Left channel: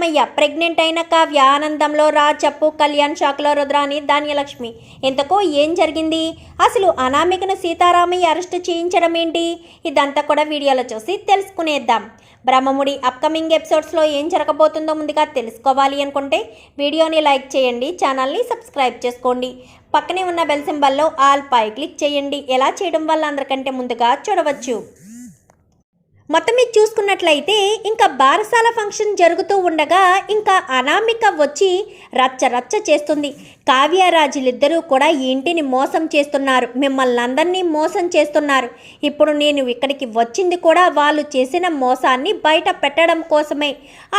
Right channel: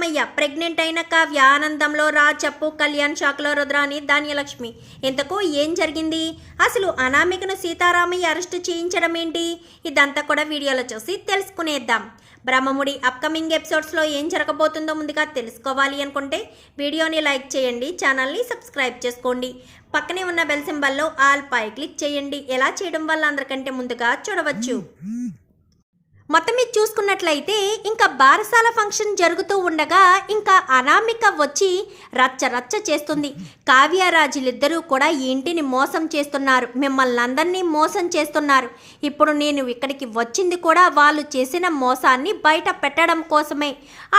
అమ్మయ్య ప్రెగ్నెంట్ అయిన కావ్య ఆనందంలో రాజప్పు కళ్యాణ్ షాక్లో రుద్రాని ధాన్యలక్ష్మి. ఇంతకు ఏం జరిగింది? అసలు అనామికను సీతారామయ్య అరెస్ట్ చేయించడం ఏంటి? ఇదంతా కూడా వీడియోలో చూసి తెలుసుకునేద్దాం. బ్రహ్మముడి అప్కమింగ్ ఎపిసోడ్స్లో ఏం జరగబోతుందో ముందుగా తెలుసుకోవాలి అనుకుంటే వీడియోని లైక్ చేయండి ఛానల్ని సబ్స్క్రైబ్ చేసుకోండి. పక్కనే ఉన్న బెల్ సింబల్లో ఆల్ పై క్లిక్ చేయండి. ఎలా చేయడం వల్ల అందరికంటే ముందుగా చూడవచ్చు. మొత్తం మీద చూసుకున్నట్లయితే ఇంకా బారసాల ఫంక్షన్ జరుగుతూ ఉండగా ఇంకా అనామిక వచ్చి రచ్చ రచ్చ చేస్తుంది. కావ్యరాజులిద్దరూ కూడా ఈ ఇంటిని మోసం చేస్తున్నారు. మిమ్మల్ని అందరినీ మోసం చేస్తున్నారు. ఇప్పుడు నేను ఇక్కడికి వచ్చింది కూడా వాళ్ళు చేసిన మోసాన్ని బయట పెట్టడం కోసమే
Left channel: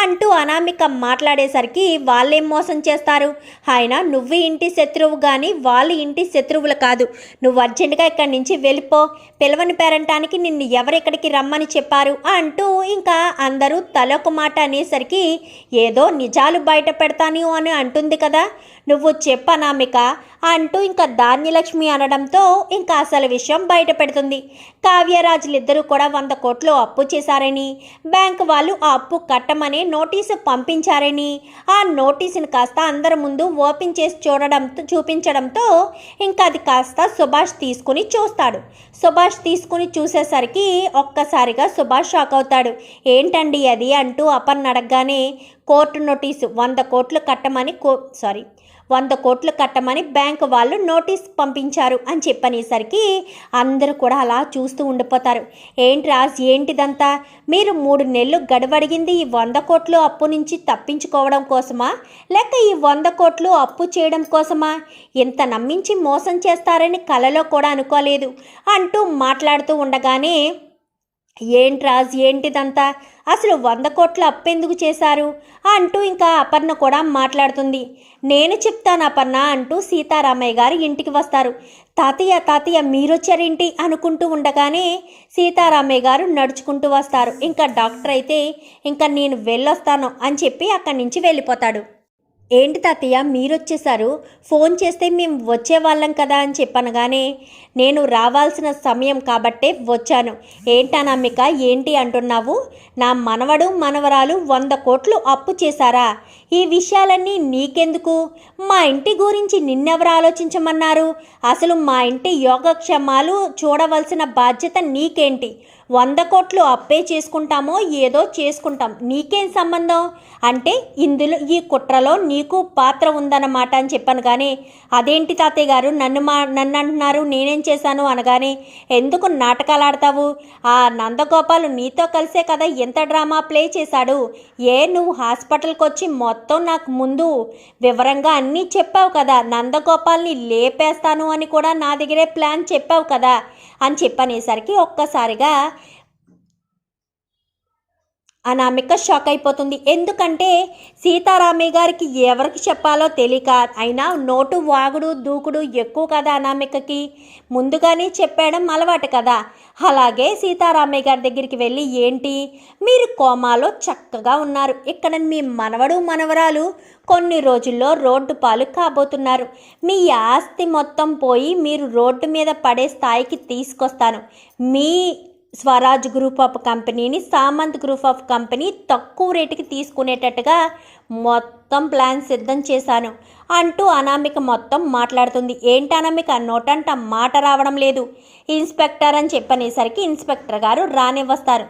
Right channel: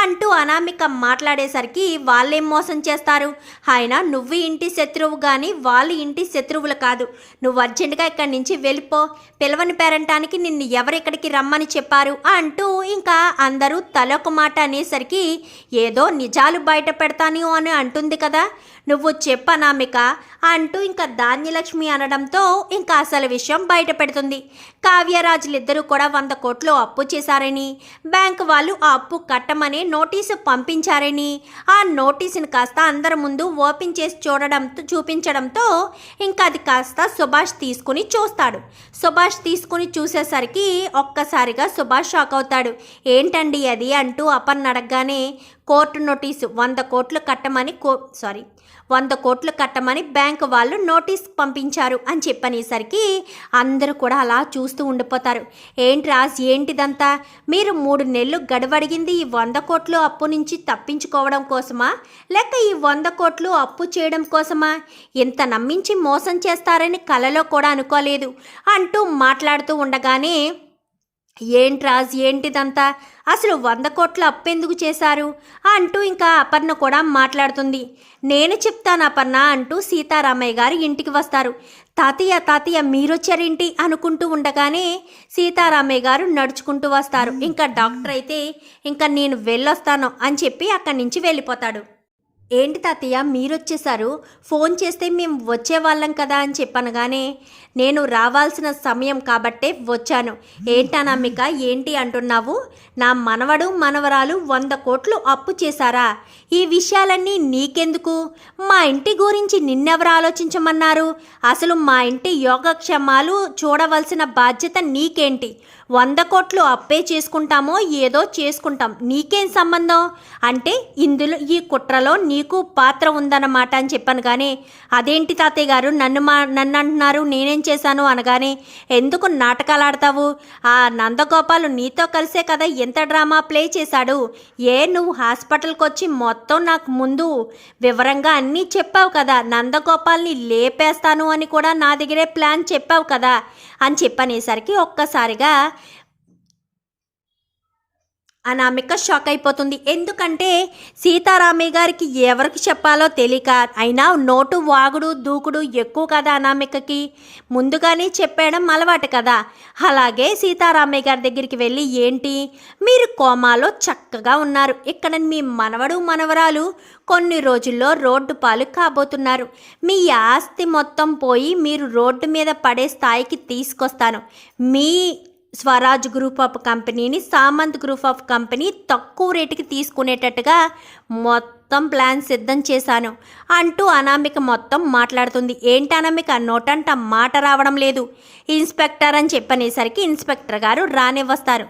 అంటూ అనామిక మాట్లాడేసరికి వాళ్ళేం మోసం చేస్తారు? ఆయన నువ్వు ఇంటి శత్రువు కానీ వాళ్ళు ఇంటి శత్రువులు కాదు. నువ్వు అర్జెంటుగా ఇక్కడి నుంచి వెళ్ళిపో. పిలవని పేరంటానికి నిన్ను ఎవరెక్కడికి రమ్మని చెప్పారు? అంటూ ఇంకా అందరూ తలొక మాట అనేసరికి ఏదో నిజాలు బయట పెడతాను అని అంటుంది కదా. నువ్వు చెప్పనామిక అంటూ ఇంకా ధాన్యలక్ష్మి అనడంతో ఇంకా అసలు విషయం బయట పెడుతుంది కావ్యరాజులిద్దరూ కూడా వంద కోట్లు అప్పు చేశారని బ్యాంక్ వాళ్ళు ఆ అప్పు కట్టమని నోటీసు పంపించారని ఆ నోటీసుని కాస్త అందరి ముందు ఓపెన్ చేసి చూడడంతో చూపించడంతో ఇంకా అది కాస్త సుభాష్ తీసుకుని చూస్తాడు. సుభాష్ తీసుకుని చూసేసరికి ఒక్కసారిగా సుభాష్ షాక్ అవుతాడు. ఏంటండి అది? అంటూ అపర్ణ అడగగానే కోర్టు నోటీసు వంద కోట్లు కట్టమని కో సారీ వంద కోట్లు కట్టమని బ్యాంకు వాళ్ళు నోటీస్ పంపించారు అని చెప్పనేసరికి అందరూ కూడా అలా చూస్తూ ఉండిపోతారు. ఏంటి రాజ్ ఏంటిదంతా? మీరు మూడు నెలలు గడవడిగింది ఈ వంద కోట్లు అప్పు నుంచి తప్పించుకోవడం కోసమా? లేక ఈ వంద కోట్లు అప్పు చేయడం కోసమా? ఇంత నమ్మించి మోసం చేస్తారని కలలో కూడా అనుకోలేదు. అంటూ మాట్లాడుతూ ఉండగానే ఏంటి రాజ్ ఏంటిదంతా? అసలు వంద కోట్ల అప్పెందుకు చేశారు? అంటూ ఇంకా అపర్ణ కూడా మాట్లాడుతుంది. నేను చెప్తాను అపర్ణ అంటూ సీతారామయ్య గారు ఇంటికి వస్తారు. తాతయ్య తాతయ్య మీరొచ్చారేంటి? అనుకుంటూ ఉండగానే సీతారామయ్య గారు నడుచుకుంటూ వస్తారు. ఇంకా డాక్టర్ అయితే ఇంకా నేను వెళ్ళొస్తాను అని చెప్పి అక్కడి నుంచి వెళ్ళిపోతాడు. ఏంటి తాతయ్య మీరొచ్చేసారు? ఫోన్ చేస్తే మేము వచ్చేవాళ్ళం కదా అని చెప్పనగానే నేను రావాల్సిన సమయం కాబట్టే వచ్చాను. ఏంటనమ్మిక ఏంటి అంటున్నావు? నా మనవడు మనవరాలు వంద కోట్లు అప్పు చేశారా? ఈ విషయాలన్నీ నీకెందుకు? మా ఇంటి గురించి నిన్నెవరు ఆలోచించమన్నారు? అసలు మా ఇంటి యోగక్షేమాలు చూడవలసిన బాధ్యత నీకేంటి? వంద కోట్లు అప్పే చేసుకుంటామో ఏదో చేసుకుంటాం. నీకేం సంబంధం? అంటే ఇందులో ఈ కుట్రలో నీకు పాత్ర ఉందన్నమాట అని చెప్పాను కానీ అదేంటి తాతయ్య గారు? నన్ను మా నన్ను అంటున్నారు నేనేం చేశాను అనగానే ఎందుకు నాటకాలు ఆడతావు? ఆ నందగోపాలు నీతో కలిసే కదా ఎంత డ్రామా ప్లే చేశాడు? ఏ నువ్వు హాస్పిటల్కి వచ్చి మొత్తం నాకు ముందు వివరంగా అన్నీ చెప్పావు కదా. నందగోపాల్ని లేపేస్తాను అని కూడా నా దగ్గరే ప్లాన్ చెప్పావు కదా అని చెప్పనేసరికి ఒక్కసారిగా అనామిక షాక్ అయిపోతుంది. ఎందుకంటే సీతారామయ్య గారికి ఎవరికి చెప్పాలో తెలియక అయినా నోటు వాగుడు దూకుడు ఎక్కువ కదా అనామికకి. ముందుగానే చెప్పేయడం అలవాటు కదా. అలాగే సీతారామయ్య గారి దగ్గరికి వెళ్ళి ఏంటి? మీరు కోమాలో చక్కగా ఉన్నారు. ఇక్కడ మీ మనవడు మనవరాలు కొన్ని రోజుల్లో రోడ్డు పాలు కాబోతున్నారు. మీ ఆస్తి మొత్తం పోయి మీరు రోడ్డు మీద పడే స్థాయికి తీసుకొస్తాను. మీ స్వరాజ్ గ్రూప్ ఆఫ్ కంపెనీని సామంత్ గ్రూప్ ఆఫ్ కంపెనీ తక్కువ రేటుకి తీసుకునేటట్టుగా మొత్తం ప్లాన్ సిద్ధం చేశాను. అంటూ అనామిక మొత్తం మాట్లాడుతుంది. ఏంటి అనామిక? నోటంట మాట రావడం లేదు. ఇన్స్పెక్టర్ అని చెప్పనేసరికి ఇన్స్పెక్టర్ గారు రానివ్వస్తారు.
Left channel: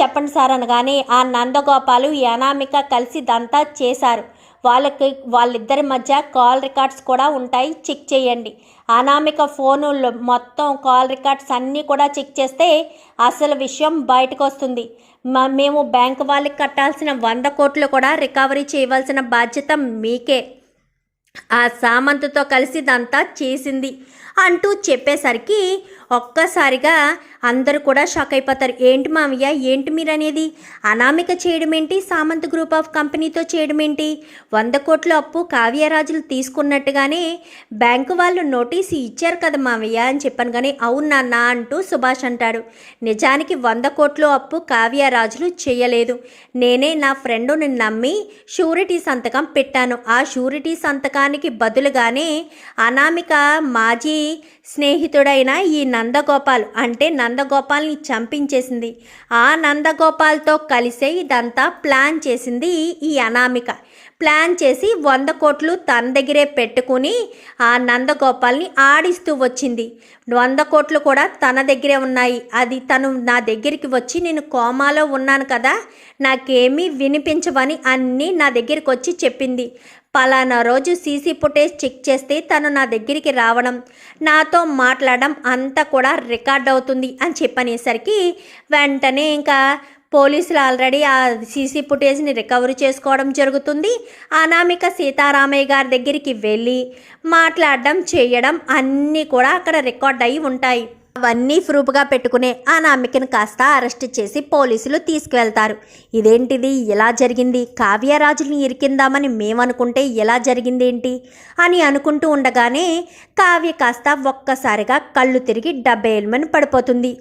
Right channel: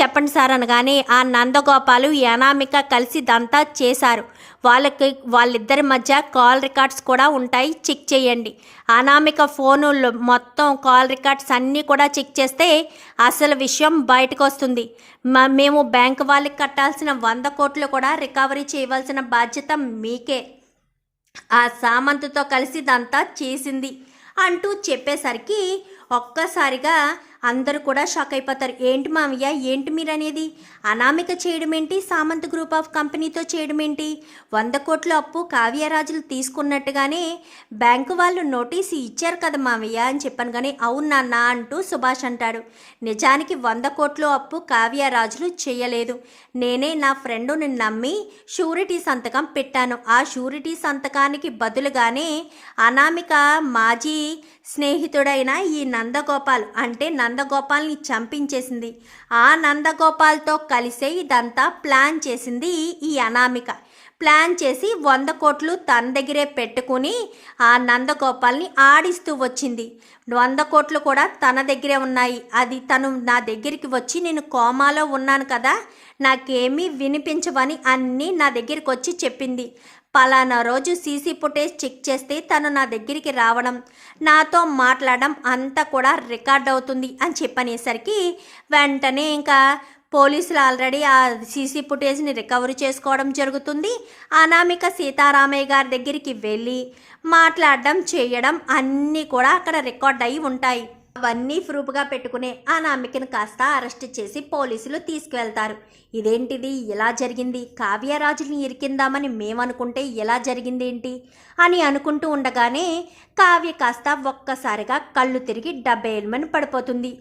చెప్పండి సార్ అనగానే ఆ నందగోపాలు అనామిక కలిసి ఇదంతా చేశారు. వాళ్ళకి వాళ్ళిద్దరి మధ్య కాల్ రికార్డ్స్ కూడా ఉంటాయి. చెక్ చేయండి. అనామిక ఫోనుల్లో మొత్తం కాల్ రికార్డ్స్ అన్నీ కూడా చెక్ చేస్తే అసలు విషయం బయటకు వస్తుంది. మ- మేము బ్యాంక్ వాళ్ళకి కట్టాల్సిన వంద కోట్లు కూడా రికవరీ చేయవలసిన బాధ్యత మీకే. ఆ సామంతతో కలిసి ఇదంతా చేసింది అంటూ చెప్పేసరికి ఒక్కసారిగా అందరూ కూడా షాక్ అయిపోతారు. ఏంటి మామయ్య? ఏంటి మీరు అనేది అనామిక చేయడం ఏంటి సామంత్ గ్రూప్ ఆఫ్ కంపెనీతో చేయడం ఏంటి వంద కోట్ల అప్పు కావ్యరాజులు తీసుకున్నట్టుగానే బ్యాంకు వాళ్ళు నోటీసు ఇచ్చారు కదా మామయ్య అని చెప్పాను కానీ అవును నాన్న అంటూ సుభాష్ అంటాడు. నిజానికి వంద కోట్ల అప్పు కావ్యరాజులు చేయలేదు. నేనే నా ఫ్రెండుని నమ్మి షూరిటీ సంతకం పెట్టాను. ఆ షూరిటీ సంతకానికి బదులుగానే అనామిక మాజీ స్నేహితుడైన ఈ నందగోపాల్ అంటే నందగోపాల్ని చంపించేసింది. ఆ నందగోపాల్తో కలిసే ఇదంతా ప్లాన్ చేసింది ఈ అనామిక. ప్లాన్ చేసి వంద కోట్లు తన దగ్గరే పెట్టుకుని ఆ నందగోపాల్ని ఆడిస్తూ వచ్చింది. వంద కోట్లు కూడా తన దగ్గరే ఉన్నాయి. అది తను నా దగ్గరికి వచ్చి నేను కోమాలో ఉన్నాను కదా నాకేమీ వినిపించవని అన్నీ నా దగ్గరికి వచ్చి చెప్పింది. పలానా రోజు సీసీ ఫుటేజ్ చెక్ చేస్తే తను నా దగ్గరికి రావడం నాతో మాట్లాడడం అంతా కూడా రికార్డ్ అవుతుంది అని చెప్పనేసరికి వెంటనే ఇంకా పోలీసులు ఆల్రెడీ ఆ సీసీ ఫుటేజ్ని రికవరీ చేసుకోవడం జరుగుతుంది. అనామిక సీతారామయ్య గారి దగ్గరికి వెళ్ళి మాట్లాడడం చేయడం అన్నీ కూడా అక్కడ రికార్డ్ అయి ఉంటాయి. అవన్నీ ప్రూఫ్గా పెట్టుకునే అనామికను కాస్త అరెస్ట్ చేసి పోలీసులు తీసుకువెళ్తారు. ఇదేంటిది? ఇలా జరిగింది? కావ్యరాజుని ఇరికిందామని మేమనుకుంటే ఎలా జరిగింది ఏంటి అని అనుకుంటూ ఉండగానే కావ్య కాస్త ఒక్కసారిగా కళ్ళు తిరిగి డబ్బేల్మని పడిపోతుంది.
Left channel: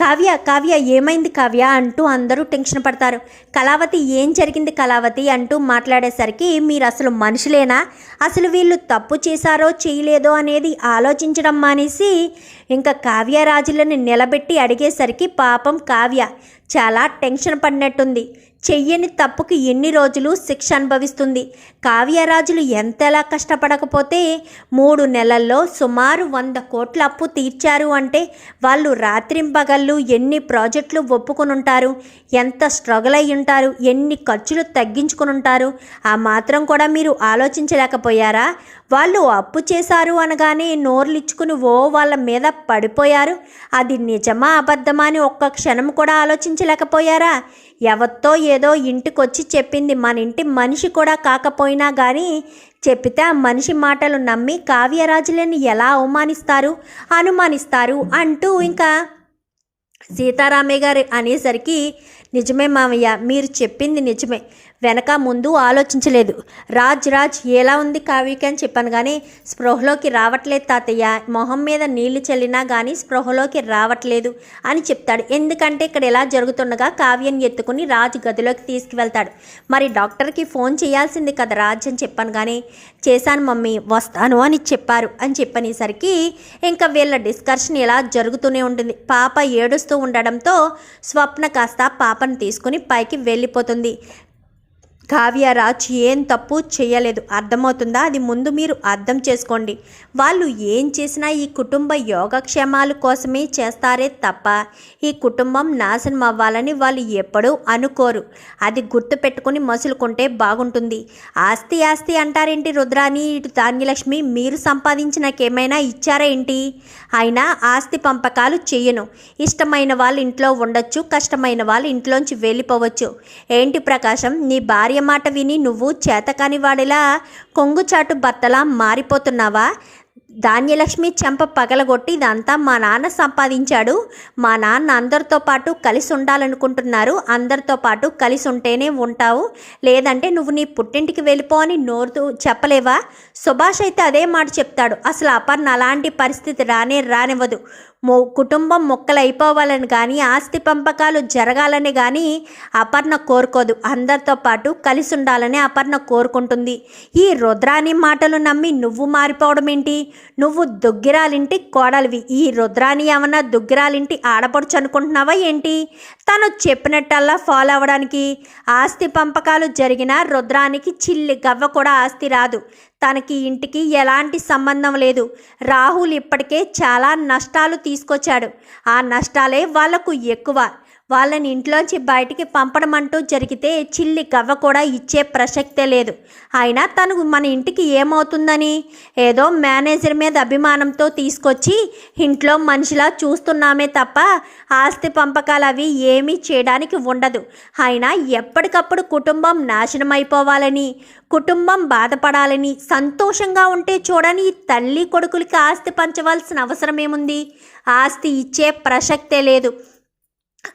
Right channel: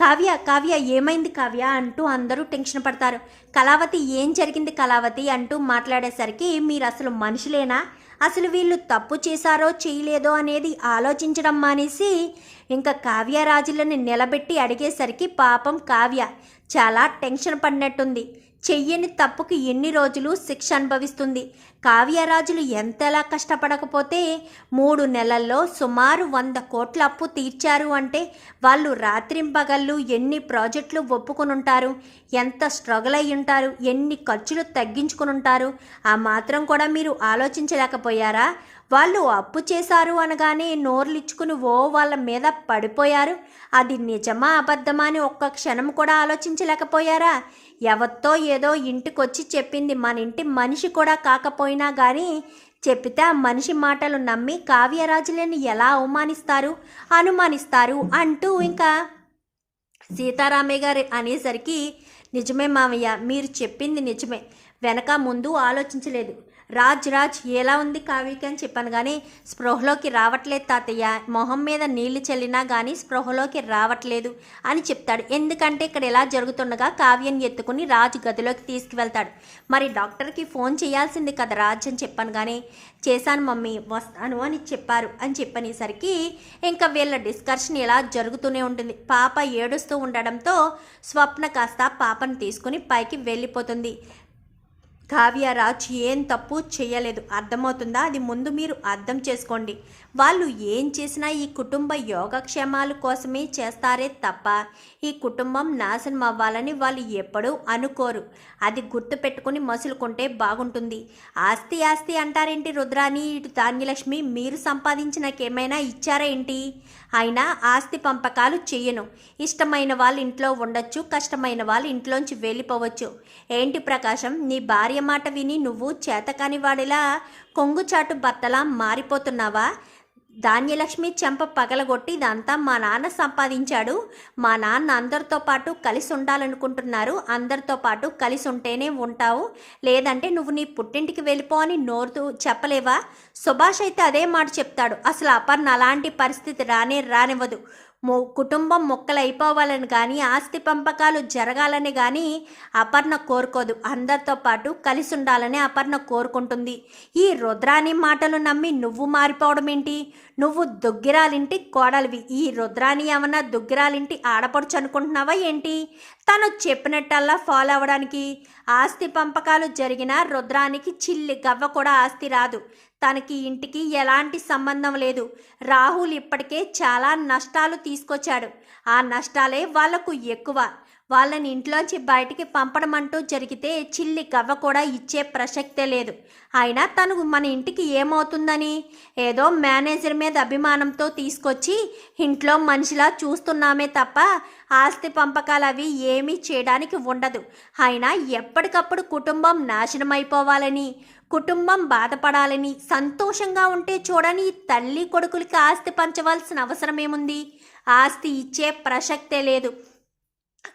కావ్య కావ్య ఏమైంది కావ్య? అంటూ అందరూ టెన్షన్ పడతారు. కళావతి ఏం జరిగింది కళావతి? అంటూ మాట్లాడేసరికి మీరు అసలు మనుషులేనా? అసలు వీళ్ళు తప్పు చేశారో చేయలేదో అనేది ఆలోచించడం మానేసి ఇంకా కావ్యరాజులను నిలబెట్టి అడిగేసరికి పాపం కావ్య చాలా టెన్షన్ పడినట్టుంది. చెయ్యని తప్పుకి ఎన్ని రోజులు శిక్ష అనుభవిస్తుంది. కావ్యరాజులు ఎంతలా కష్టపడకపోతే మూడు నెలల్లో సుమారు వంద కోట్ల అప్పు తీర్చారు అంటే వాళ్ళు రాత్రింపగళ్ళు ఎన్ని ప్రాజెక్టులు ఒప్పుకొని ఉంటారు ఎంత స్ట్రగుల్ అయి ఉంటారు ఎన్ని ఖర్చులు తగ్గించుకుని ఉంటారు ఆ మాత్రం కూడా మీరు ఆలోచించలేకపోయారా? వాళ్ళు అప్పు చేశారు అనగానే నోర్లిచ్చుకుని ఓ వాళ్ళ మీద పడిపోయారు. అది నిజమా అబద్ధమా అని ఒక్క క్షణం కూడా ఆలోచించలేకపోయారా? ఎవరితో ఏదో ఇంటికొచ్చి చెప్పింది మన ఇంటి మనిషి కూడా కాకపోయినా కానీ చెప్పితే ఆ మనిషి మాటలు నమ్మి కావ్యరాజులను ఎలా అవమానిస్తారు అనుమానిస్తారు అంటూ ఇంకా సీతారామయ్య గారు అనేసరికి నిజమే మామయ్య మీరు చెప్పింది నిజమే. వెనక ముందు ఆలోచించలేదు. రాజ్ రాజ్ ఎలా ఉంది కావ్యకి? అని చెప్పాను కానీ స్పృహలోకి రావట్లేదు తాతయ్య. మొహం మీద నీళ్ళు చల్లినా కానీ స్పృహలోకి రావట్లేదు అని చెప్తాడు. ఎందుకంటే ఇక్కడ ఎలా జరుగుతుండగా కావ్యని ఎత్తుకుని రాజు గదిలోకి తీసుకువెళ్తాడు. మరి డాక్టర్కి ఫోన్ చేయాల్సింది కదా రాజ్ అని చెప్పాను కానీ చేశాను మమ్మీ వస్తాను అని చెప్పారు. అని చెప్పనేసరికి ఇంకా వీళ్ళ డిస్కషన్ ఇలా జరుగుతూనే ఉంటుంది. పాప ఏడుస్తూ ఉండడంతో స్వప్న కాస్త పాపను తీసుకుని పైకి వెళ్ళిపోతుంది. కావ్యరాజ్ ఏం తప్పు చేయలేదు. అర్థమవుతుందా? అది ముందు మీరు అర్థం చేసుకోండి. వాళ్ళు ఏం చేసినా ఈ కుటుంబ యోగక్షేమాల కోసమే చేస్తారే తప్ప ఈ కుటుంబం నాశనం అవ్వాలని వాళ్ళు ఎప్పుడూ అనుకోరు. అది గుర్తు పెట్టుకుని మసులుకుంటే బాగుంటుంది. ఆస్తి ఆస్తి అంటారేంటి రుద్రాని? ఇటు ధాన్యలక్ష్మి మీరు సంపాదించినకేమైనా ఇచ్చారా ఏంటి? అయినా ఆస్తి పంపకాలు చెయ్యను. ఇష్టమైన వాళ్ళు ఇంట్లో ఉండొచ్చు కష్టమైన వాళ్ళు ఇంట్లోంచి వెళ్ళిపోవచ్చు. ఏంటి ప్రకాశం? నీ భార్య మాట విని నువ్వు చేతకాని వాడిలా కొంగుచాటు బత్తలా మారిపోతున్నావా? ధాన్యలక్ష్మి చెంప పగలగొట్టి ఇదంతా మా నాన్న సంపాదించాడు. మా నాన్న అందరితో పాటు కలిసి ఉండాలనుకుంటున్నారు అందరితో పాటు కలిసి ఉంటేనే ఉంటావు. లేదంటే నువ్వు నీ పుట్టింటికి వెళ్ళిపో అని నోరుతూ చెప్పలేవా? సుభాష్ అయితే అదే మాట చెప్తాడు. అసలు అపర్ణ అలాంటి పరిస్థితి రానే రానివ్వదు. మొ కుటుంబం మొక్కలైపోవాలని కానీ ఆస్తి పంపకాలు జరగాలని కానీ అపర్ణ కోరుకోదు. అందరితో పాటు కలిసి ఉండాలని అపర్ణ కోరుకుంటుంది. ఈ రుద్రాని మాటలు నమ్మి నువ్వు మారిపోవడం ఏంటి నువ్వు దుగ్గిరాలింటి కోడలివి. ఈ రుద్రాని ఏమన్నా దుగ్గిరాలింటి ఆడపడుచు అనుకుంటున్నావా ఏంటి? తను చెప్పినట్టల్లా ఫాలో అవ్వడానికి. ఆస్తి పంపకాలు జరిగిన రుద్రానికి చిల్లి గవ్వ కూడా ఆస్తి రాదు. తనకి ఇంటికి ఎలాంటి సంబంధం లేదు. రాహుల్ ఇప్పటికే చాలా నష్టాలు తీసుకొచ్చాడు. ఆ నష్టాలే వాళ్ళకు ఎక్కువ. వాళ్ళని ఇంట్లోంచి బయటికి పంపడం అంటూ జరిగితే చిల్లి గవ్వ కూడా ఇచ్చే ప్రసక్తే లేదు. అయినా తను మన ఇంటికి ఏమవుతుందని ఏదో మేనేజర్ మీద అభిమానంతో తీసుకొచ్చి ఇంట్లో మనిషిలా చూస్తున్నామే తప్ప ఆస్తి పంపకాలు అవి ఏమీ చేయడానికి ఉండదు. అయినా ఎప్పటికప్పుడు కుటుంబం నాశనం అయిపోవాలని కుటుంబం బాధపడాలని సంతోషంగా ఉంటే చూడని తల్లి కొడుకులకి ఆస్తి పంచవలసిన అవసరం ఏముంది ఆస్తి ఇచ్చే ప్రసక్తే లేదు.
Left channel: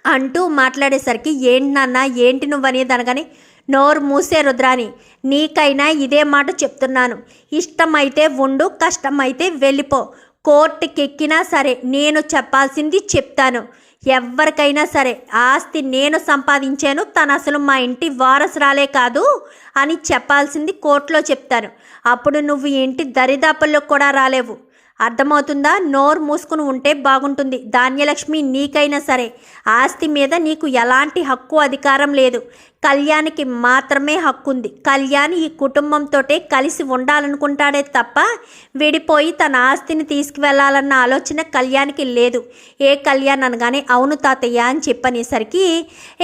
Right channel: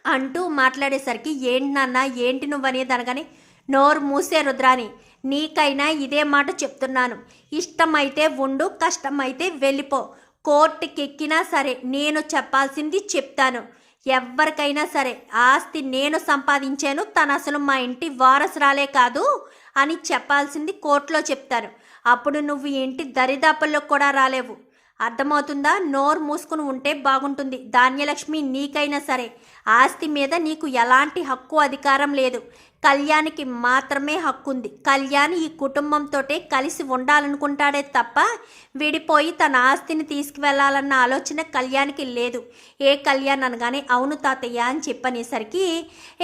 అంటూ మాట్లాడేసరికి ఏంటి నాన్న ఏంటి నువ్వనేది అనగానే నోరు మూసే రుద్రాని నీకైనా ఇదే మాట చెప్తున్నాను. ఇష్టమైతే ఉండు కష్టమైతే వెళ్ళిపో. కోర్టుకెక్కినా సరే నేను చెప్పాల్సింది చెప్తాను. ఎవరికైనా సరే ఆస్తి నేను సంపాదించాను తను అసలు మా ఇంటి వారసురాలే కాదు అని చెప్పాల్సింది కోర్టులో చెప్తారు. అప్పుడు నువ్వు ఇంటి దరిదాపుల్లో కూడా రాలేవు. అర్థమవుతుందా? నోరు మూసుకుని ఉంటే బాగుంటుంది. ధాన్యలక్ష్మి నీకైనా సరే. ఆస్తి మీద నీకు ఎలాంటి హక్కు అధికారం లేదు. కళ్యాణికి మాత్రమే హక్కు ఉంది కళ్యాణ్ ఈ కుటుంబంతోటే కలిసి ఉండాలనుకుంటాడే తప్ప విడిపోయి తన ఆస్తిని తీసుకువెళ్ళాలన్న ఆలోచన కళ్యాణ్కి లేదు. ఏ కళ్యాణ్ అనగానే అవును తాతయ్య అని చెప్పనేసరికి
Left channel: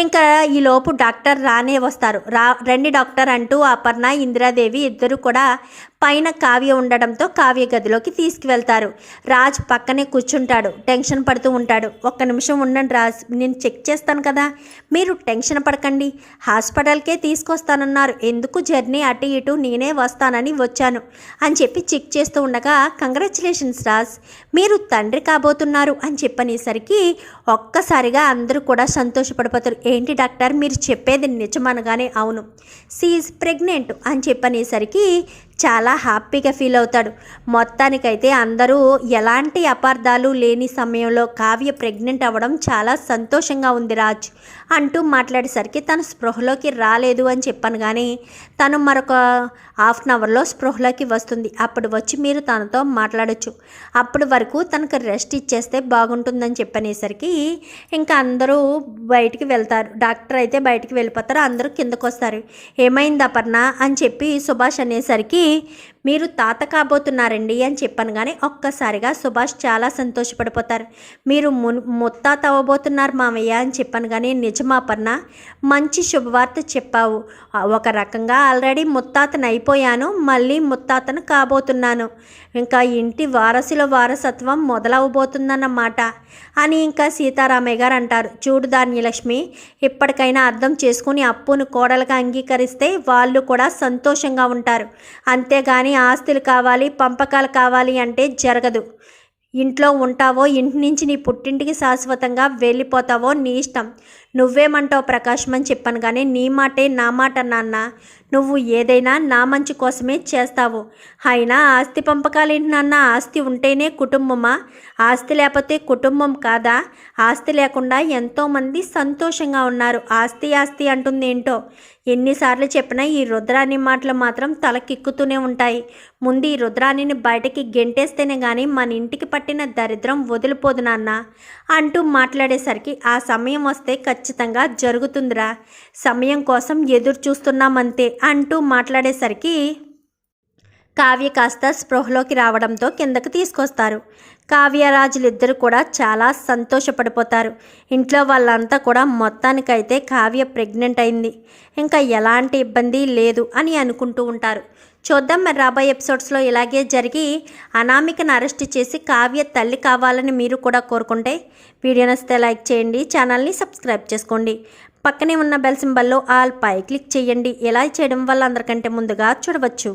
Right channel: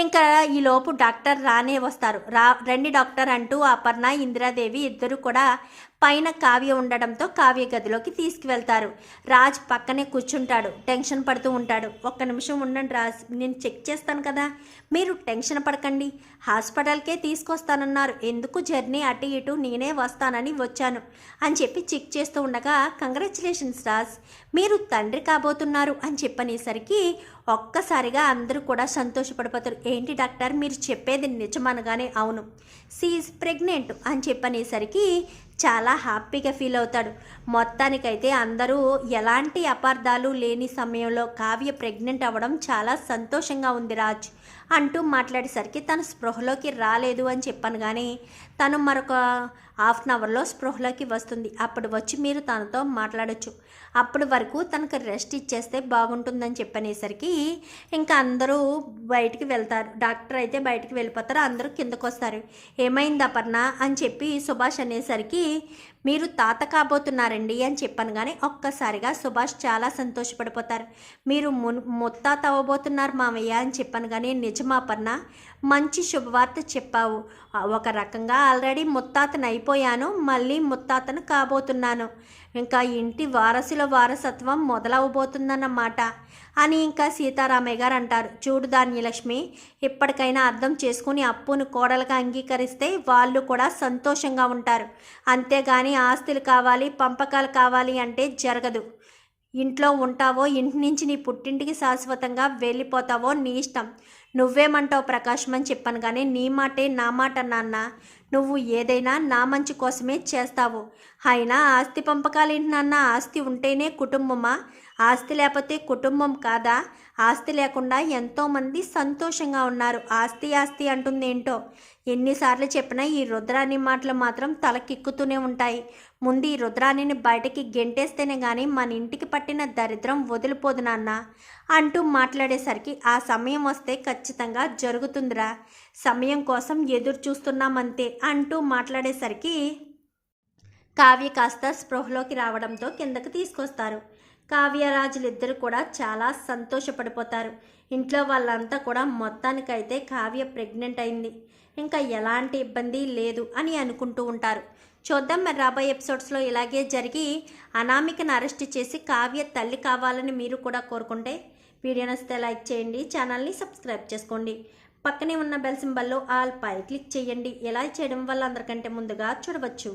ఇంకా ఈలోపు డాక్టర్ రానే వస్తారు. రా రండి డాక్టర్ అంటూ అపర్ణ ఇందిరాదేవి ఇద్దరు కూడా పైన కావ్య ఉండడంతో కావ్య గదిలోకి తీసుకువెళ్తారు. రాజ్ పక్కనే కూర్చుంటాడు. టెన్షన్ పడుతూ ఉంటాడు. ఒక్క నిమిషం ఉండండి రాజ్ నేను చెక్ చేస్తాను కదా. మీరు టెన్షన్ పడకండి. హాస్పిటల్కే తీసుకొస్తానన్నారు. ఎందుకు జర్నీ అటు ఇటు నేనే వస్తానని వచ్చాను అని చెప్పి చెక్ చేస్తూ ఉండగా కంగ్రాచులేషన్స్ రాజ్ మీరు తండ్రి కాబోతున్నారు అని చెప్పనేసరికి ఒక్కసారిగా అందరూ కూడా సంతోషపడిపోతారు. ఏంటి డాక్టర్ మీరు చెప్పేది నిజమనగానే అవును. సీఈస్ ప్రెగ్నెంట్ అని చెప్పనేసరికి చాలా హ్యాపీగా ఫీల్ అవుతాడు. మొత్తానికైతే అందరూ ఎలాంటి అపార్థాలు లేని సమయంలో కావ్య ప్రెగ్నెంట్ అవ్వడం చాలా సంతోషంగా ఉంది రాజ్. అంటూ మాట్లాడేసరికి తను స్పృహలోకి రాలేదు అని చెప్పాను కానీ తను మరొక హాఫ్ అన్ అవర్లో స్పృహలోకి వస్తుంది. అప్పుడు వచ్చి మీరు తనతో మాట్లాడొచ్చు. అప్పటి వరకు తనకు రెస్ట్ ఇచ్చేస్తే బాగుంటుందని చెప్పనేసరికి ఇంకా అందరూ బయటికి వెళ్తారు. డాక్టర్ అయితే బయటికి వెళ్ళిపోతారు. అందరూ కిందకు వస్తారు ఏమైంది అపర్ణ? అని చెప్పి సుభాష్ అనేసరికి మీరు తాత కాబోతున్నారండి అని చెప్పాను కానీ ఒక్కసారిగా సుభాష్ చాలా సంతోషపడిపోతారు. మీరు మున్ ముత్తాత అవ్వబోతున్నారు మామయ్య అని చెప్పాను కానీ మంచి శుభవార్త చెప్పావు. ఒక రకంగా ఆల్రెడీ ముత్తాతను అయిపోయాను మళ్ళీ ముత్తాతను కాబోతున్నాను. ఇంకా ఇంటి వారసుల వారసత్వం మొదలవబోతుందన్నమాట అని ఇంకా సీతారామయ్య గారు అంటారు. చూడు ధాన్యలక్ష్మి ఇప్పటికైనా అర్థం చేసుకుని అప్పును కోడలుగా అంగీకరిస్తే వాళ్ళు కూడా సంతోషంగా ఉంటారు. అంతేగాని ఆస్తులు కావాలి పంపకాలు కావాలి అంటే జరగదు. ఇంట్లో ఉంటావో ఇంటి నుంచి నీ పుట్టింటికి శాశ్వతంగా వెళ్ళిపోతావో నీ ఇష్టం. నువ్వేమంటావు ప్రకాశం అని చెప్పాను కానీ నీ మాటే నా మాట నాన్న. నువ్వు ఏదైనా నా మంచి కోసమే చేస్తావు. అయినా ఆస్తి పంపకాలేంటి నాన్న? ఆస్తి ఉంటేనే కుటుంబమా? ఆస్తి లేకపోతే కుటుంబం కాదా? ఆస్తి లేకుండా ఎంతోమంది సంతోషంగా ఉన్నారు. ఆస్తి ఆస్తి అంటుంది ఏంటో ఎన్నిసార్లు చెప్పినా ఈ రుద్రాణి మాటలు మాత్రం తలకిక్కుతూనే ఉంటాయి. ముందు ఈ రుద్రాణిని బయటకి గెంటేస్తేనే కానీ మన ఇంటికి పట్టిన దరిద్రం వదిలిపోదు నాన్న అంటూ మాట్లాడేసరికి ఆ సమయం వస్తే ఖచ్చితంగా జరుగుతుందిరా. సమయం కోసం ఎదురు చూస్తున్నామంతే అంటూ మాట్లాడేసరికి కావ్య కాస్త స్పృహలోకి రావడంతో కిందకు తీసుకొస్తారు. కావ్యరాజులిద్దరు కూడా చాలా సంతోషపడిపోతారు. ఇంట్లో వాళ్ళంతా కూడా మొత్తానికైతే కావ్య ప్రెగ్నెంట్ అయింది. ఇంకా ఎలాంటి ఇబ్బంది లేదు అని అనుకుంటూ ఉంటారు. చూద్దాం మరి రాబోయే ఎపిసోడ్స్లో ఇలాగే జరిగి అనామికను అరెస్ట్ చేసి కావ్య తల్లి కావాలని మీరు కూడా కోరుకుంటే వీడియో నచ్చితే లైక్ చేయండి ఛానల్ని సబ్స్క్రైబ్ చేసుకోండి. పక్కనే ఉన్న బెల్ సింబల్లో ఆల్ పై క్లిక్ చేయండి. ఇలా చేయడం వల్ల అందరికంటే ముందుగా చూడవచ్చు.